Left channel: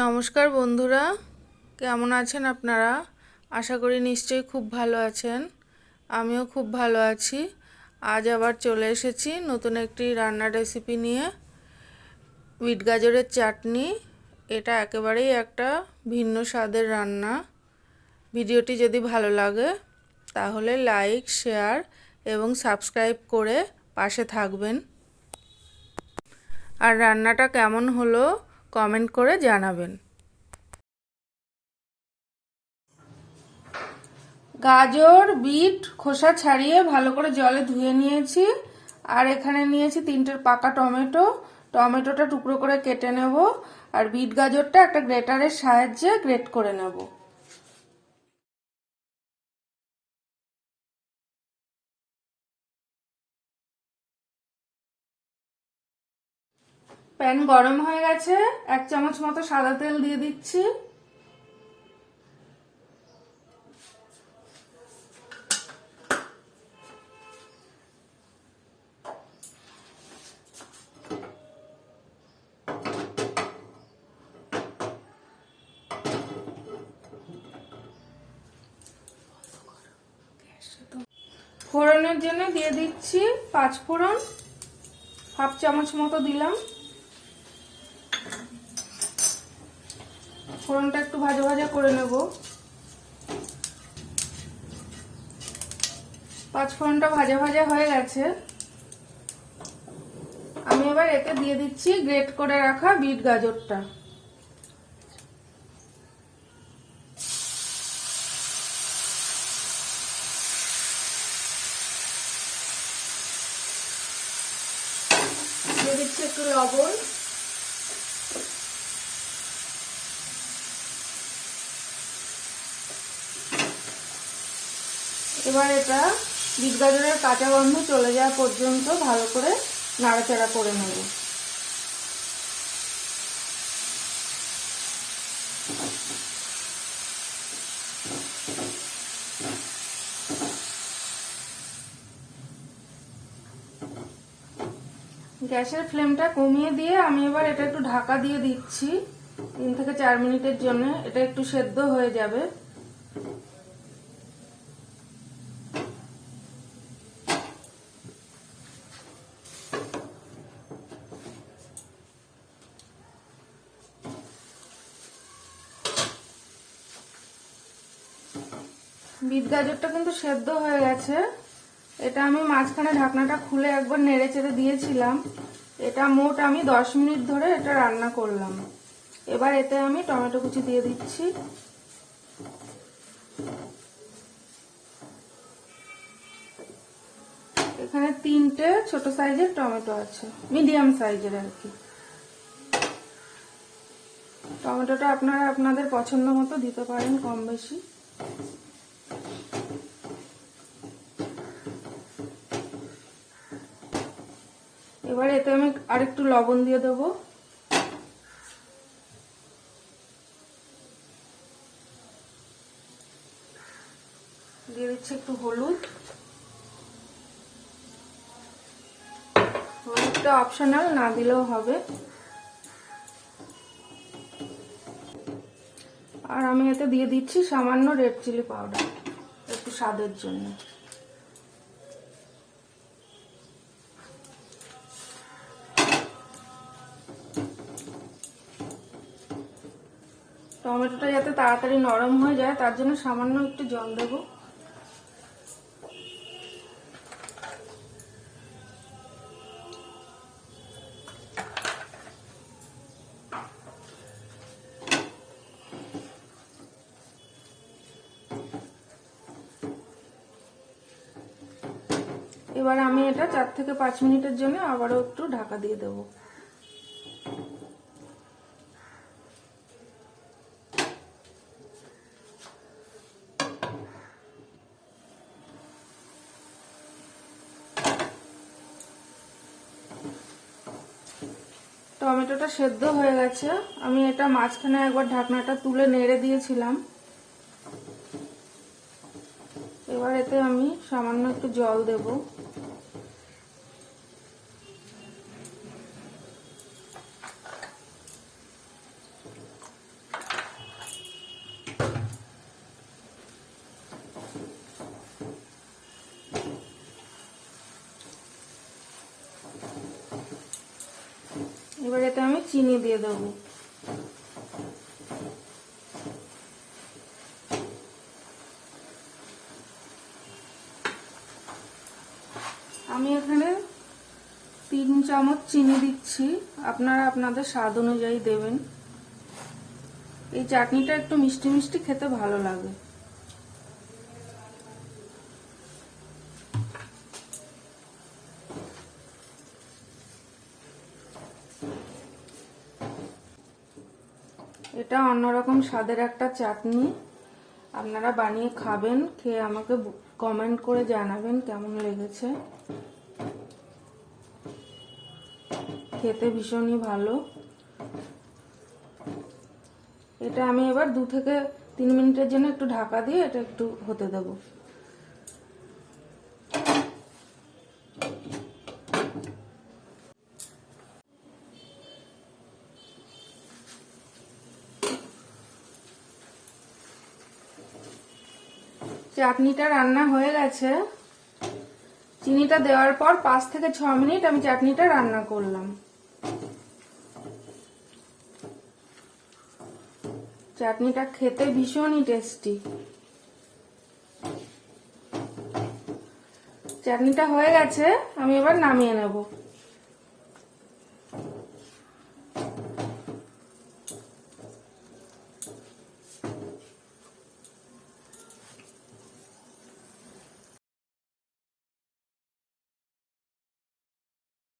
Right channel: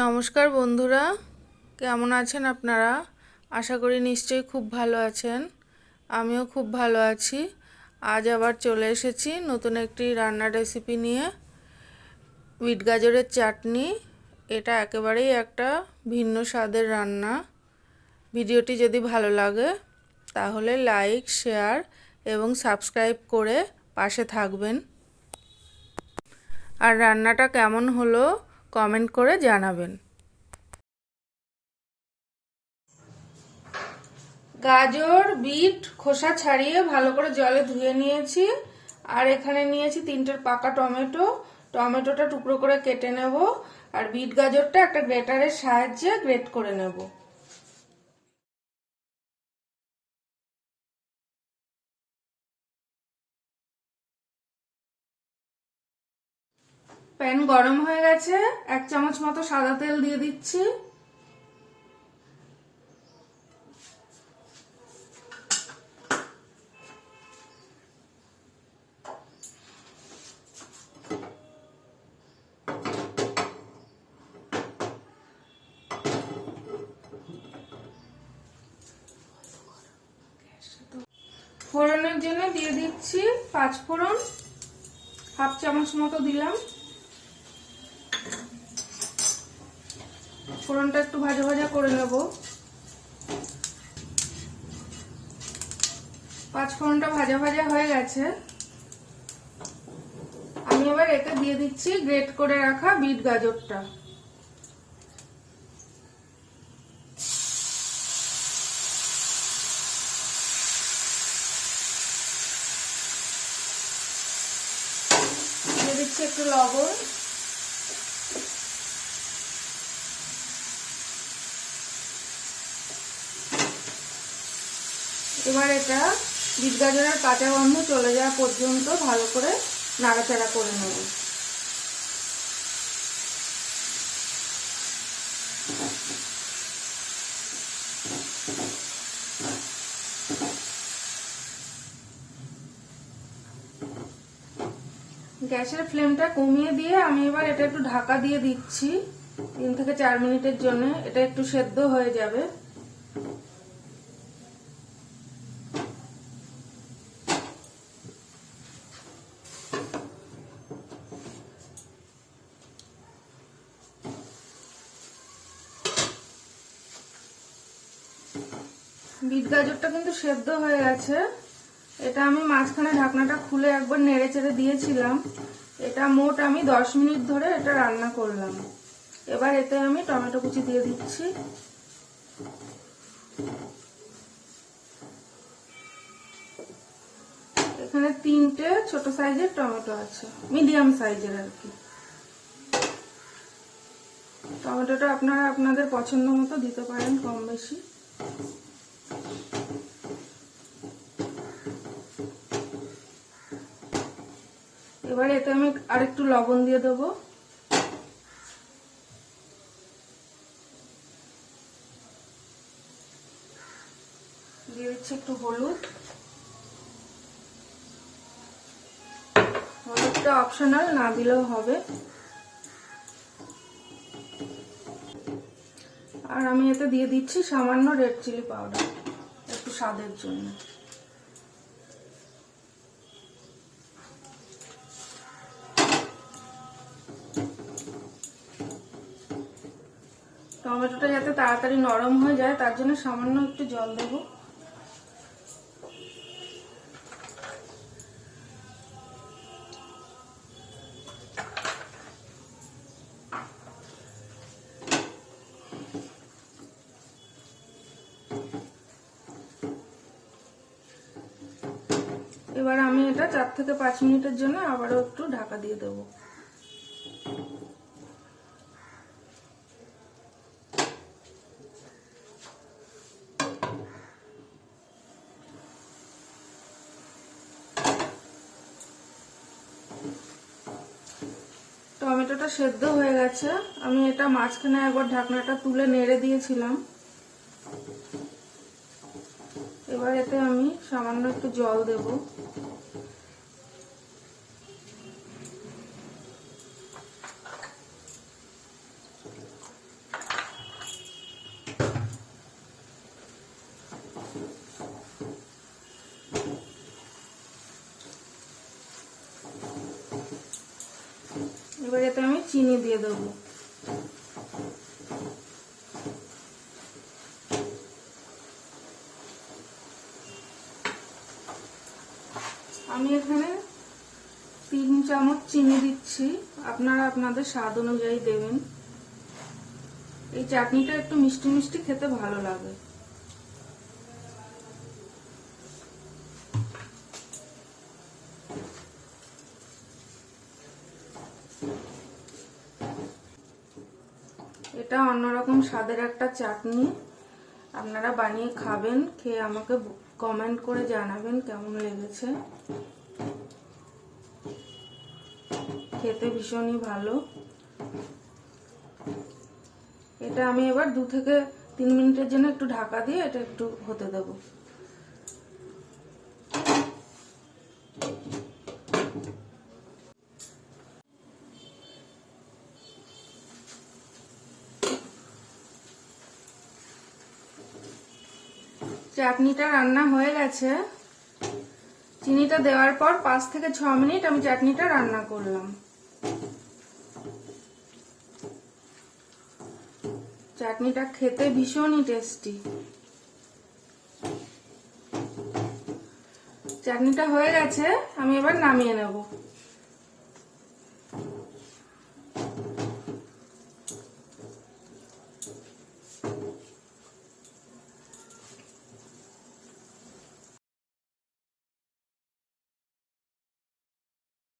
নমস্কার বন্ধুরা, কেমন আছেন আপনারা? আশা করি নিশ্চয়ই খুব ভালো আছেন। আমিও খুব ভালো আছি। আজ আবার চলে এসেছি নতুন একটি রান্নার রেসিপি নিয়ে। বিট গাজরের চাটনি। এটা একেবারেই একটা ভিন্ন স্বাদের রান্না। ভিডিওটি যদি ভালো লাগে তাহলে লাইক, শেয়ার এবং সাবস্ক্রাইব করে পাশে থাকবেন। আর রান্নাটা কেমন হলো কমেন্ট করে জানাবেন। গাজর, বিট খোসা ছাড়িয়ে ভালো করে জলে ধুয়ে নিয়েছি। আর এখানে নিয়েছি 3টে পাকা টমেটো। টমেটোটা টুকরো করে কেটে নেব। আর বিট গাজরটা একটা গ্রেটারের সাহায্যে গ্রেট করে নেব। প্যান গরম হয়ে গেছে, 1 চামচ মতো সাদা তেল দিয়ে দিচ্ছি। ফোড়নের জন্য দিয়ে দিচ্ছি 5 ফোড়ন, 1/2 চামচ মতো দিলাম। ফোড়নটা একটু ভাজা ভাজা করে নেব। 5 ফোড়নটা ভাজা ভাজা হয়ে গেছে। আমি এবার এতে দিয়ে দিচ্ছি গ্রেট করে রাখা বিট গাজরটা। দিয়ে দিচ্ছি একটু লবণ। এবার এটা বিট গাজরের কাঁচা গন্ধ চলে যাওয়া পর্যন্ত ভালো করে নাড়াচাড়া করে নেব। গ্যাসের ফ্লেমটা কমিয়ে দিয়ে আমি এবার এটা একটু ঢাকা দিয়ে দিচ্ছি 3 থেকে 4 মিনিটের জন্য। এটা একটু সেদ্ধ হয়ে যাবে। বিট গাজরটা কিন্তু সেদ্ধ হয়ে গেছে। এটা আমি মাঝখানে ঢাকনাটা খুলে একবার নেড়ে চেড়ে দিয়েছিলাম। এটা মোট আমি 10 মিনিট ধরে এটা রান্না করলাম। এবার এতে আমি টমেটো কুচি দিয়ে দিচ্ছি। এখানে 3টে ছোট সাইজের টমেটো আছে, মিডিয়াম সাইজের আর কি। টমেটোটা আপনারা আপনাদের পছন্দ মতো দিতে পারেন, কম বেশি। এবার এতে আমি আরেকটু লবণ দিয়ে দেব। দিয়ে দিচ্ছি একটু হলুদ। হলুদটা অপশনাল, না দিলেও হবে। আর আমি এতে দিয়ে দিচ্ছি সামান্য রেড চিলি পাউডার, একটু স্বাদের জন্য। টমেটোটা যাতে তাড়াতাড়ি নরম হয়ে যায় তার জন্য সামান্য একটু জল দেব। এবার আমি এটা 4 থেকে 5 মিনিটের জন্য আবারও একটু ঢাকা দিয়ে দেব। টমেটোটা সেদ্ধ হয়ে গেছে। আমি এটা মাঝখানে একবার ঢাকনাটা তুলে নেড়ে দিয়েছিলাম। এবার এতে আমি সামান্য একটু জল দেব। এবার এতে আমি চিনি দিয়ে দেবো। আমি এখানে 3 চামচ চিনি দিচ্ছি, আপনারা আপনাদের স্বাদ অনুযায়ী দেবেন। এই চাটনিটা একটু মিষ্টি মিষ্টি খেতে ভালো লাগে। এটা অন্যরকম স্বাদের একটা চাটনি, আপনারা বানিয়ে খাবেন, খেয়ে আমাকে কমেন্ট করে জানাবেন কেমন লেগেছে। খেতে ভীষণই ভালো। এটা আমি এবার 2 থেকে 3 মিনিটের জন্য একটু ঢাকা দিয়ে এটা একটু হতে দেব। চাটনিটা রান্না হয়ে গেছে। চিনিটা দেওয়ার পর 5 থেকে 6 মিনিট আমি চাটনিটা রান্না করলাম। চাটনিটা খেতে ভীষণই টেস্টি। চাটনিটা হয়ে গেছে, আমি এবার নামিয়ে নেব।